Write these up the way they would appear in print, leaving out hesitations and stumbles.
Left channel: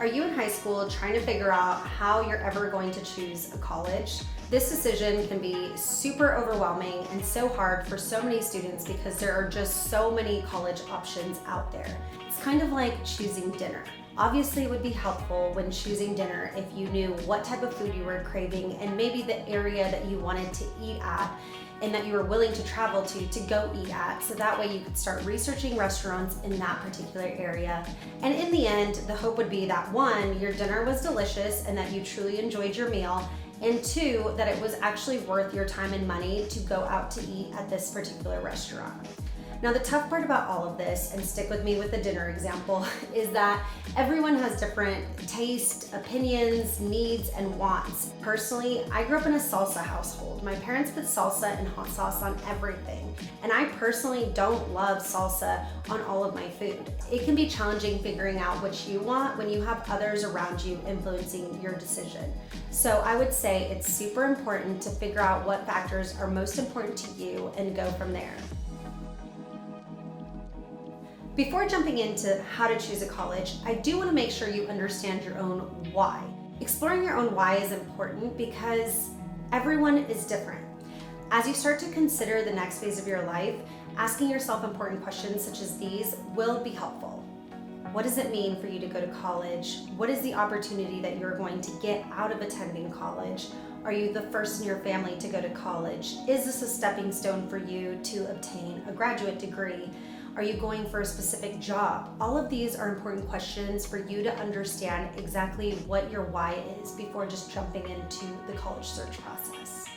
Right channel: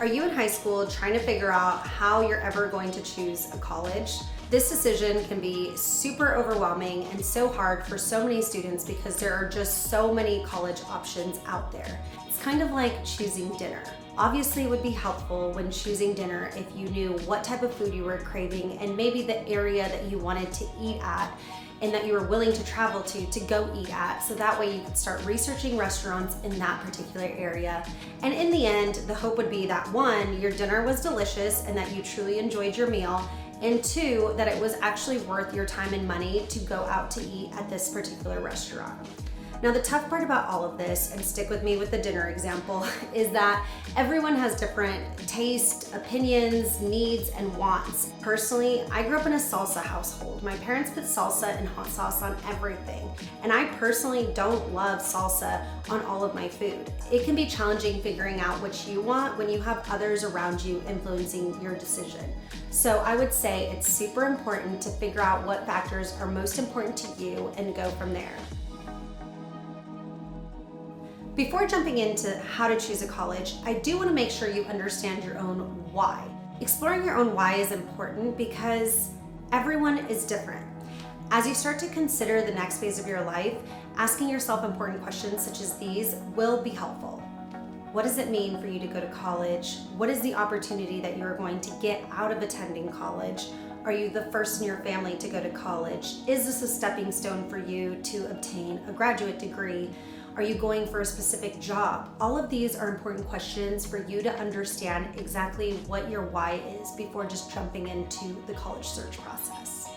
Are you in high school trying to figure out how you're ever going to choose a college? This decision can be super overwhelming and so hard for so many students because there are just so many college options out there. It's kind of like choosing dinner. Obviously, it would be helpful when choosing dinner if you knew what type of food you were craving and maybe the area that you wanted to eat at and that you were willing to travel to go eat at, so that way you could start researching restaurants in that particular area. And in the end, the hope would be that one, your dinner was delicious and that you truly enjoyed your meal, and two, that it was actually worth your time and money to go out to eat at this particular restaurant. Now, the tough part about all of this, and stick with me with the dinner example, is that everyone has different taste, opinions, needs, and wants. Personally, I grew up in a salsa household. My parents put salsa and hot sauce on everything, and I personally don't love salsa on all of my food. It can be challenging figuring out what you want when you have others around you influencing your decision. So I would say it's super important to figure out what factors are most important to you and go from there. Before jumping into how to choose a college, I do want to make sure you understand your own why. Exploring your own why is important because everyone is different. As you start to consider the next phase of your life, asking yourself important questions such as these will be helpful. What does it mean for you to go to college? What is the opportunity that you're going to get out of attending college? Are you the first in your family to go to college? Is this a stepping stone for you to obtain a graduate degree? Are you going for a specific job? All of these are important questions for you to understand exactly what your why is before just jumping into the college search process.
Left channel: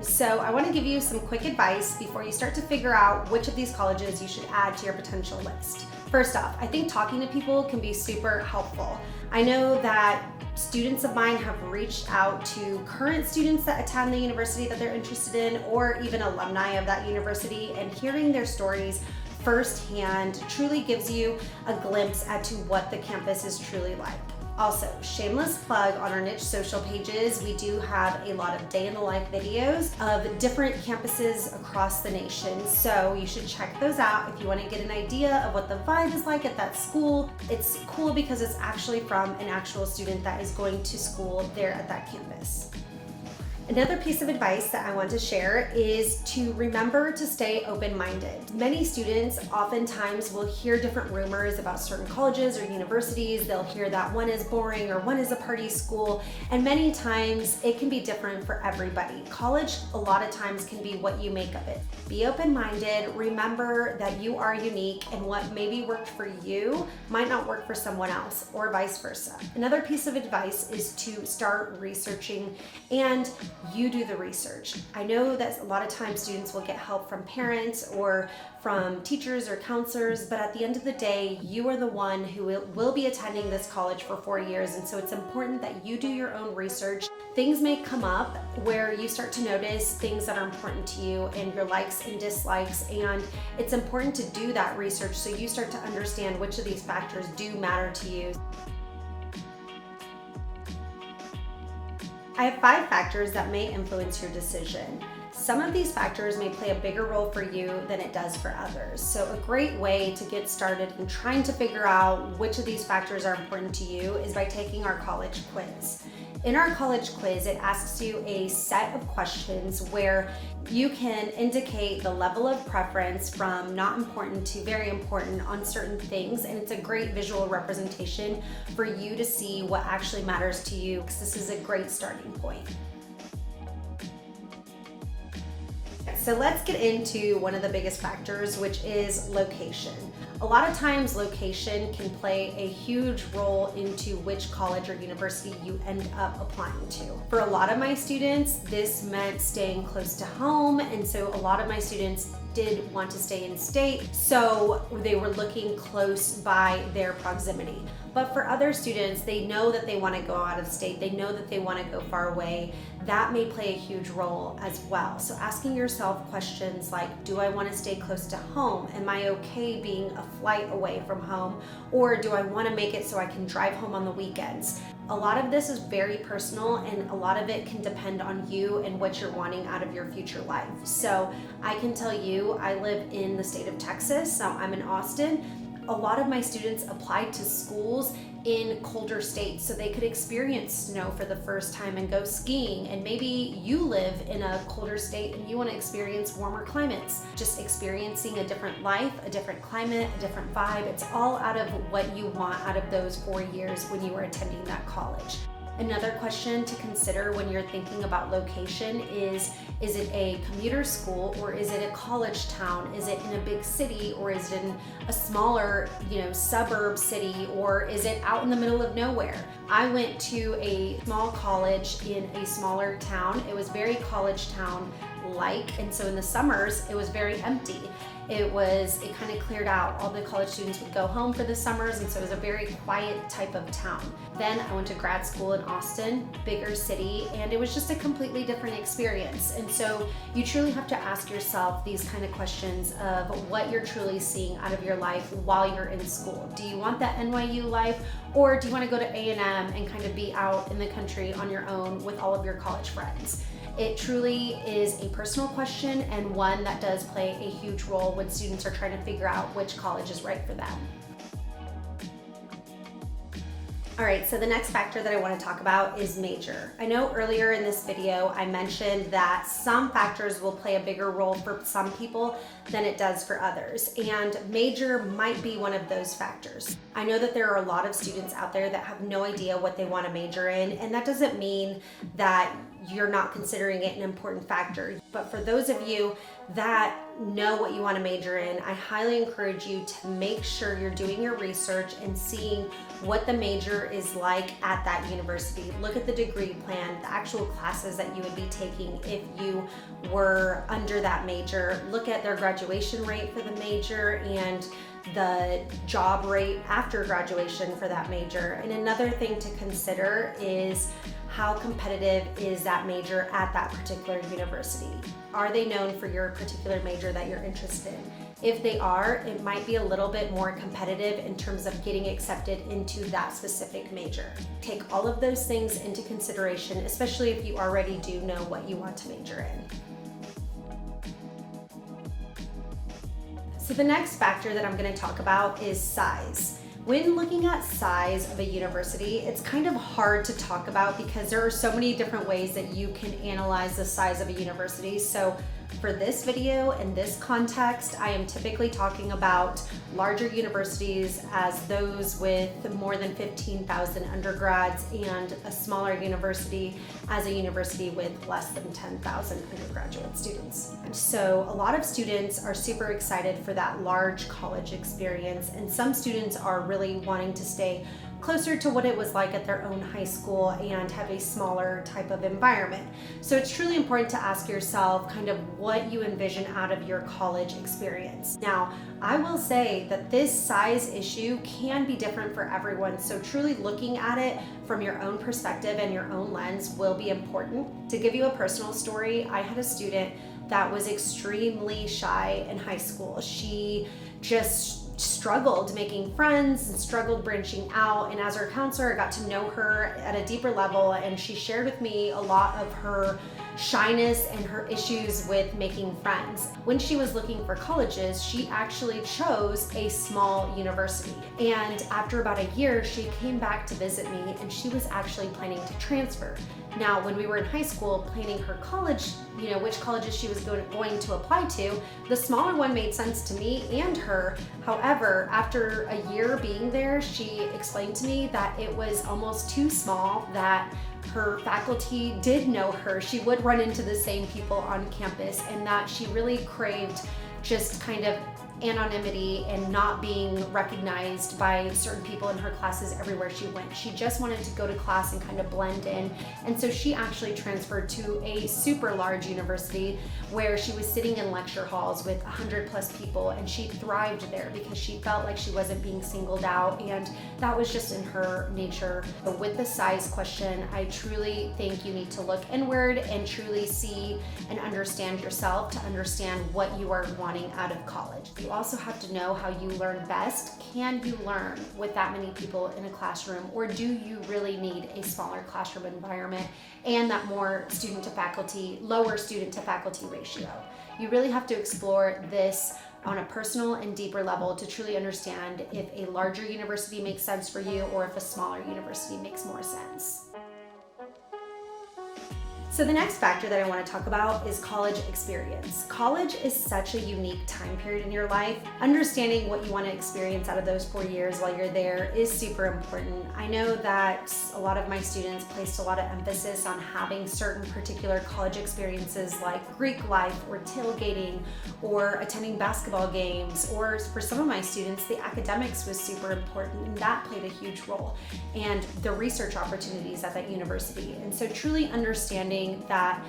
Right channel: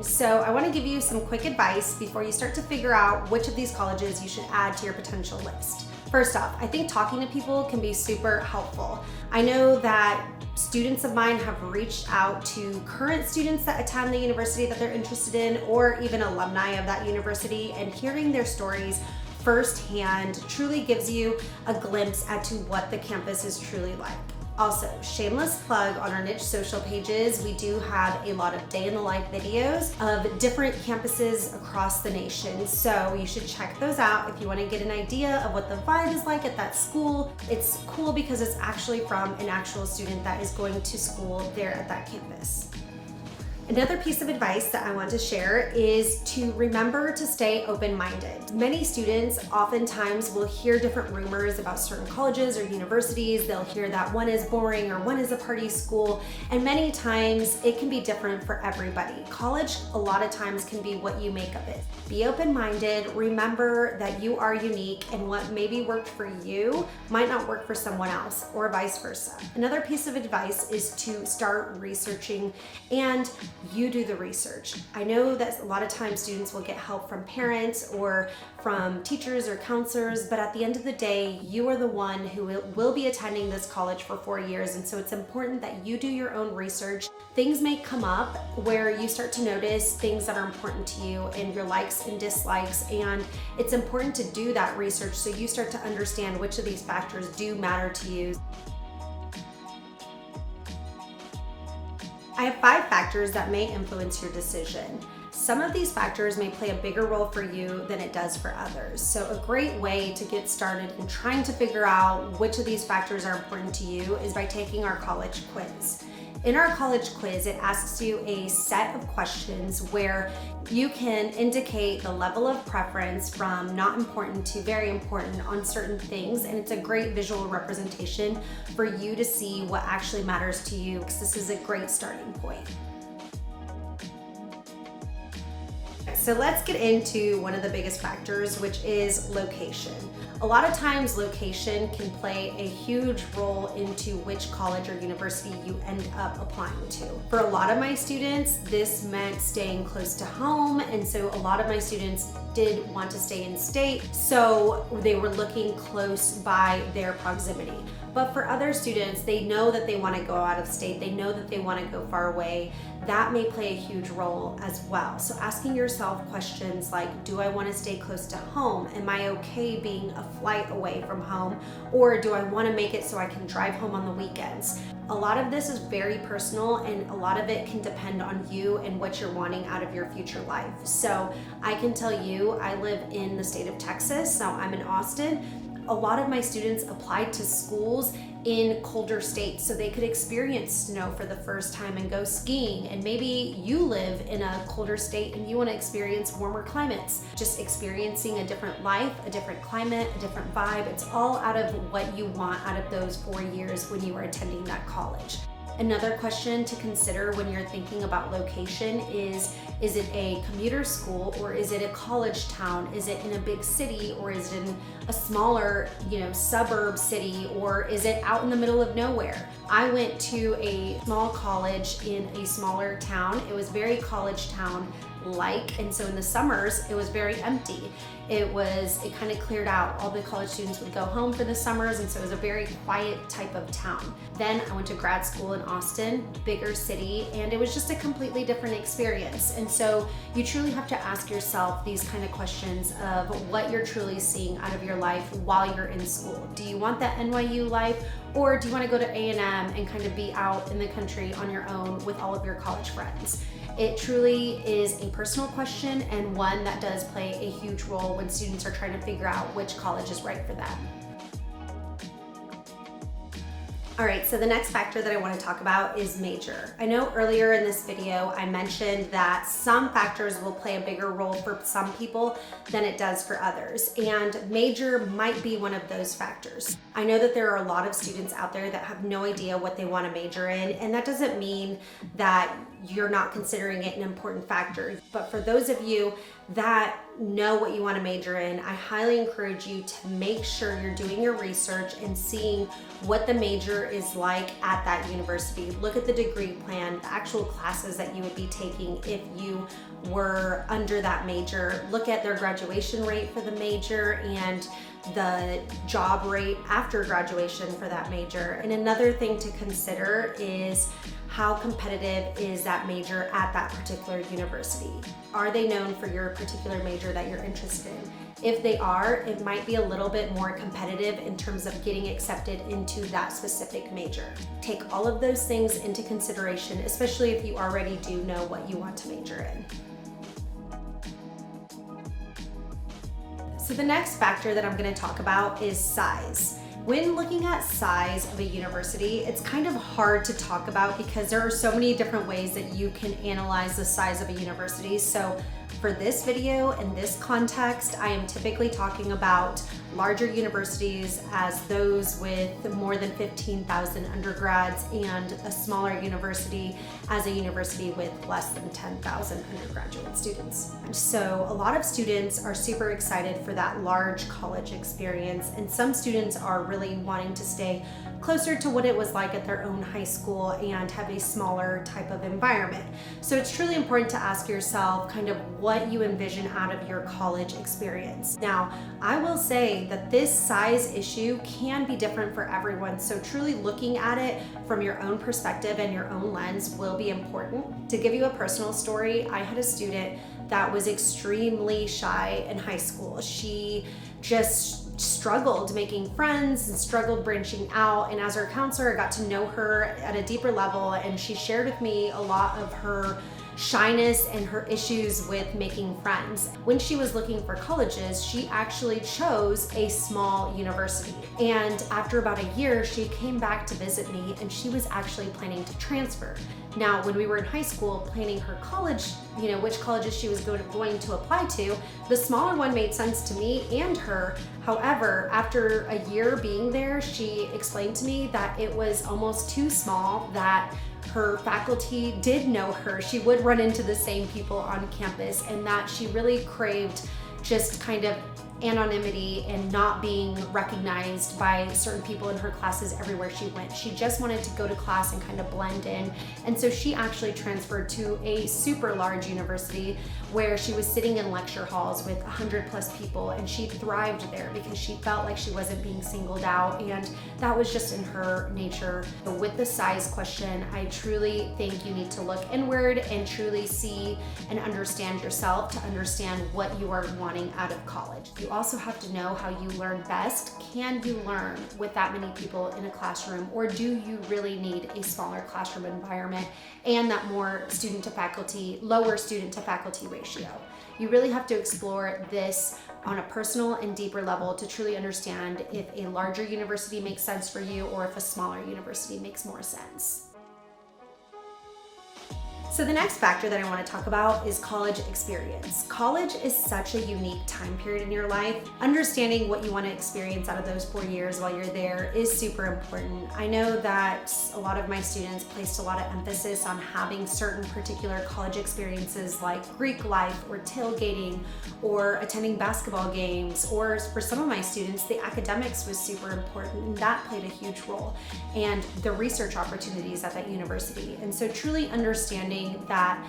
So I want to give you some quick advice before you start to figure out which of these colleges you should add to your potential list. First off, I think talking to people can be super helpful. I know that students of mine have reached out to current students that attend the university that they're interested in, or even alumni of that university, and hearing their stories firsthand truly gives you a glimpse as to what the campus is truly like. Also, shameless plug on our niche social pages, we do have a lot of day in the life videos of different campuses across the nation. So you should check those out if you want to get an idea of what the vibe is like at that school. It's cool because it's actually from an actual student that is going to school there at that campus. Another piece of advice that I want to share is to remember to stay open-minded. Many students oftentimes will hear different rumors about certain colleges or universities. They'll hear that one is boring or one is a party school, and many times it can be different for everybody. College a lot of times can be what you make of it. Be open-minded, remember that you are unique, and what maybe worked for you might not work for someone else, or vice versa. Another piece of advice is to start researching, and you do the research. I know that a lot of times students will get help from parents or from teachers or counselors, but at the end of the day, you are the one who will be attending this college for 4 years, and so it's important that you do your own research. Things may come up where you start to notice things that are important to you and your likes and dislikes, and it's important to do that research so you start to understand which of these factors do matter to you. I have 5 factors that may influence your decision. Some of these factors may play a bigger role for you than it does for others. So a great way to get started in trying to figure out which of these factors are important to you is by taking our college quiz. In our college quiz, it asks you a set of questions where you can indicate the level of preference from not important to very important on certain things, and it's a great visual representation for you to see what actually matters to you, because this is a great starting point. So let's get into one of the biggest factors, which is location. A lot of times location can play a huge role into which college or university you end up applying to. For a lot of my students, this meant staying close to home, and so a lot of my students did want to stay in state, so they were looking close by their proximity. But for other students, they know that they want to go out of state, they know that they want to go far away. That may play a huge role as well. So asking yourself questions like, do I want to stay close to home? Am I okay being a flight away from home? Or do I want to make it so I can drive home on the weekends? A lot of this is very personal, and a lot of it can depend on you and what you're wanting out of your future life. So I can tell you, I live in the state of Texas, so I'm in Austin. a lot of my students applied to schools in colder states so they could experience snow for the first time and go skiing. And maybe you live in a colder state and you want to experience warmer climates. Just experiencing a different life, a different climate, a different vibe. It's all out of what you want out of those 4 years when you are attending that college. Another question to consider when you're thinking about location is it a commuter school or is it a college town? Is it in a big city or is it in a smaller, suburb city, or is it out in the middle of nowhere? I went to a small college in a smaller town. It was very college town like, and so in the summers it was very empty. It kind of cleared out. All the college students would go home for the summers, and so it was a very quiet type of town. Then I went to grad school in Austin, bigger city, and it was just a completely different experience. And so you truly have to ask yourself these kind of questions of what you're truly seeing out of your life while you're in school. Do you want that NYU life, or do you want to go to A&M and kind of be out in the country on your own with all of your college friends? It truly is a personal question, and one that does play a huge role when students are trying to figure out which college is right for them. All right, so the next factor that I want to talk about is major. I know earlier in this video I mentioned that some factors will play a bigger role for some people than it does for others, and major might be one of those factors. I know that there are a lot of students out there that have no idea what they want to major in, and that doesn't mean that you're not considering it an important factor. But for those of you that know what you want to major in, I highly encourage you to make sure you're doing your research and seeing what the major is like at that university. Look at the degree plan, the actual classes that you would be taking if you were under that major. Look at their graduation rate for the major and the job rate after graduation for that major. And another thing to consider is how competitive is that major at that particular university? Are they known for your particular major that you're interested in? If they are, it might be a little bit more competitive in terms of getting accepted into that specific major. Take all of those things into consideration, especially if you already do know what you want to major in. So the next factor that I'm going to talk about is size. When looking at size of a university, it's kind of hard to talk about because there are so many different ways that you can analyze the size of a university. So for this video and this context, I am typically talking about larger universities as those with more than 15,000 undergrads, and a smaller university as a university with less than 10,000 undergraduate students. So a lot of students are super excited for that large college experience, and some students are really wanting to stay closer to what it was like at their own high school and have a smaller type of environment. So it's truly important to ask yourself kind of what you envision out of your college experience. Now, I will say that this size issue can be different for everyone, so truly looking at it from your own perspective and your own lens will be important. To give you a personal story, I had a student that was extremely shy in high school. She just struggled making friends and struggled branching out, and as our counselor, I got to know her at a deeper level, and she shared with me a lot of her shyness and her issues with making friends. When she was looking for colleges, she actually chose a small university, and after about a year she came back to visit me, and she was actually planning to transfer. Now, when we were in high school planning her college, which colleges she was going to apply to, the smaller one made sense to me and her. However, after a year being there, she explained to me that it was almost too small, that her faculty did know her. She would run into the same people on campus, and that she really craved just kind of anonymity and not being recognized by certain people in her classes everywhere she went. She just wanted to go to class and kind of blend in. And so she actually transferred to a super large university where she was sitting in lecture halls with 100 plus people, and she thrived there because she felt like she wasn't being singled out, and that was just in her nature. But with the size question, I truly think you need to look inward and truly see and understand yourself to understand what you are wanting out of college. You also have to know how you learn best. Can you learn with that many people in a classroom, or do you really need a smaller classroom environment and that more lower student to faculty ratio? You really have to explore this on a personal and deeper level to truly understand if a larger university makes sense for you or if a smaller university makes more sense. So the next factor that I want to talk about is college experience. College is such a unique time period in your life. Understanding what you want to experience out of those 4 years while you're there is super important. I know that a lot of my students placed a lot of emphasis on having certain particular college experiences like Greek life or tailgating or attending basketball games, or for some of my students, the academics was super important and that played a huge role, and the research opportunities at that university. And so truly understanding that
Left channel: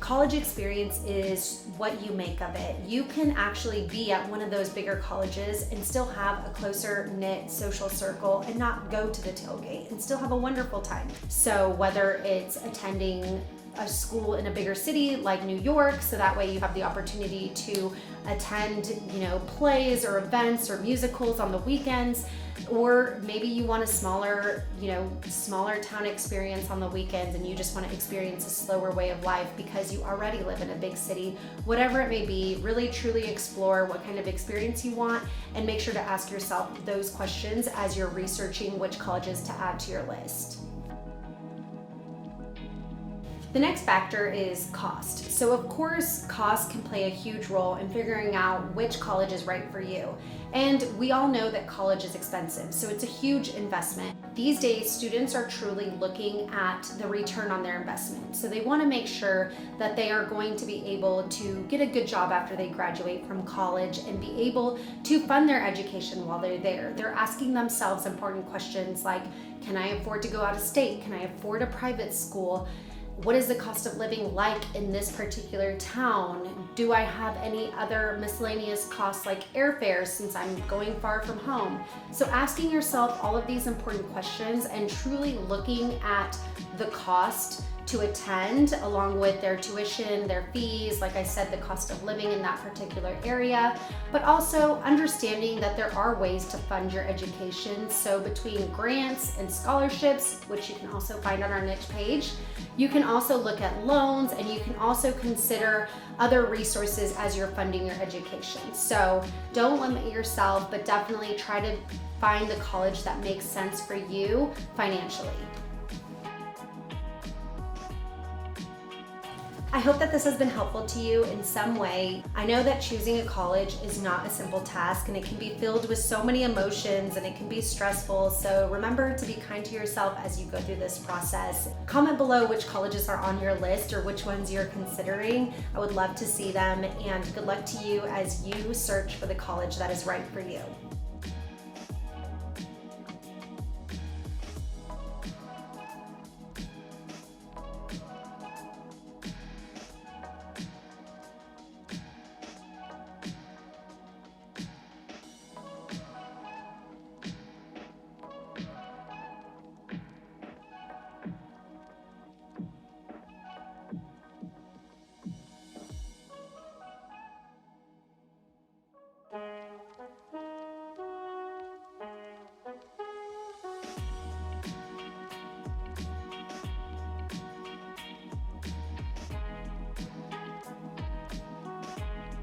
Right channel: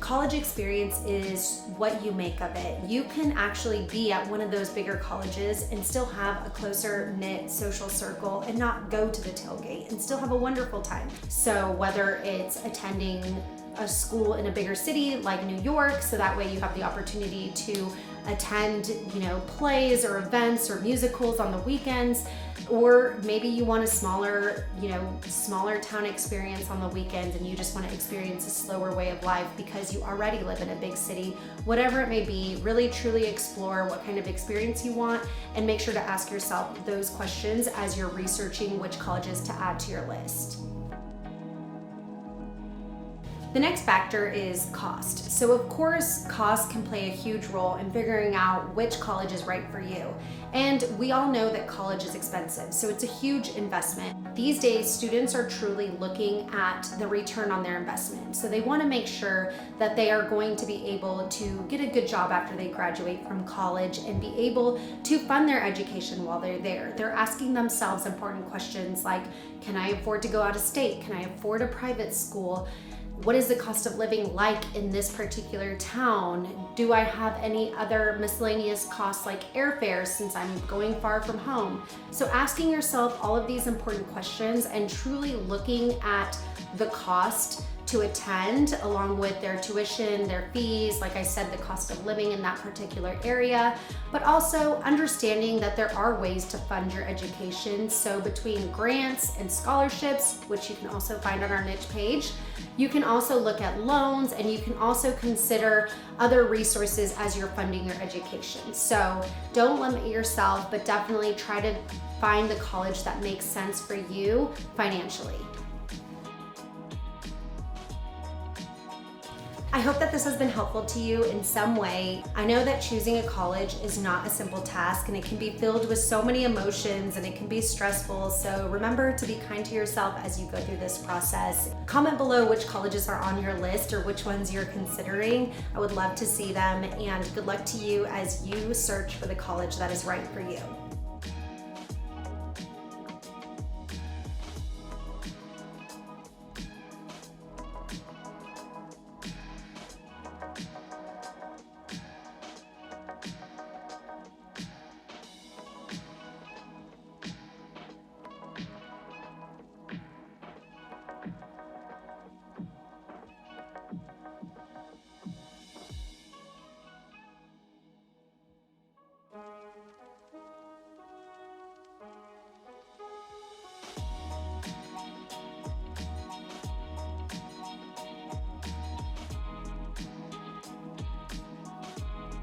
college experience is what you make of it. You can actually be at one of those bigger colleges and still have a closer knit social circle and not go to the tailgate and still have a wonderful time. So whether it's attending a school in a bigger city like New York, so that way you have the opportunity to attend, plays or events or musicals on the weekends, or maybe you want a smaller town experience on the weekends and you just want to experience a slower way of life because you already live in a big city. Whatever it may be, really truly explore what kind of experience you want and make sure to ask yourself those questions as you're researching which colleges to add to your list. The next factor is cost. So of course, cost can play a huge role in figuring out which college is right for you. And we all know that college is expensive, so it's a huge investment. These days, students are truly looking at the return on their investment. So they want to make sure that they are going to be able to get a good job after they graduate from college and be able to fund their education while they're there. They're asking themselves important questions like, can I afford to go out of state? Can I afford a private school? What is the cost of living like in this particular town? Do I have any other miscellaneous costs like airfares since I'm going far from home? So asking yourself all of these important questions and truly looking at the cost to attend along with their tuition, their fees, like I said, the cost of living in that particular area, but also understanding that there are ways to fund your education. So between grants and scholarships, which you can also find on our niche page, you can also look at loans and you can also consider other resources as you're funding your education. So don't limit yourself, but definitely try to find the college that makes sense for you financially. I hope that this has been helpful to you in some way. I know that choosing a college is not a simple task and it can be filled with so many emotions and it can be stressful. So remember to be kind to yourself as you go through this process. Comment below which colleges are on your list or which ones you're considering. I would love to see them, and good luck to you as you search for the college that is right for you.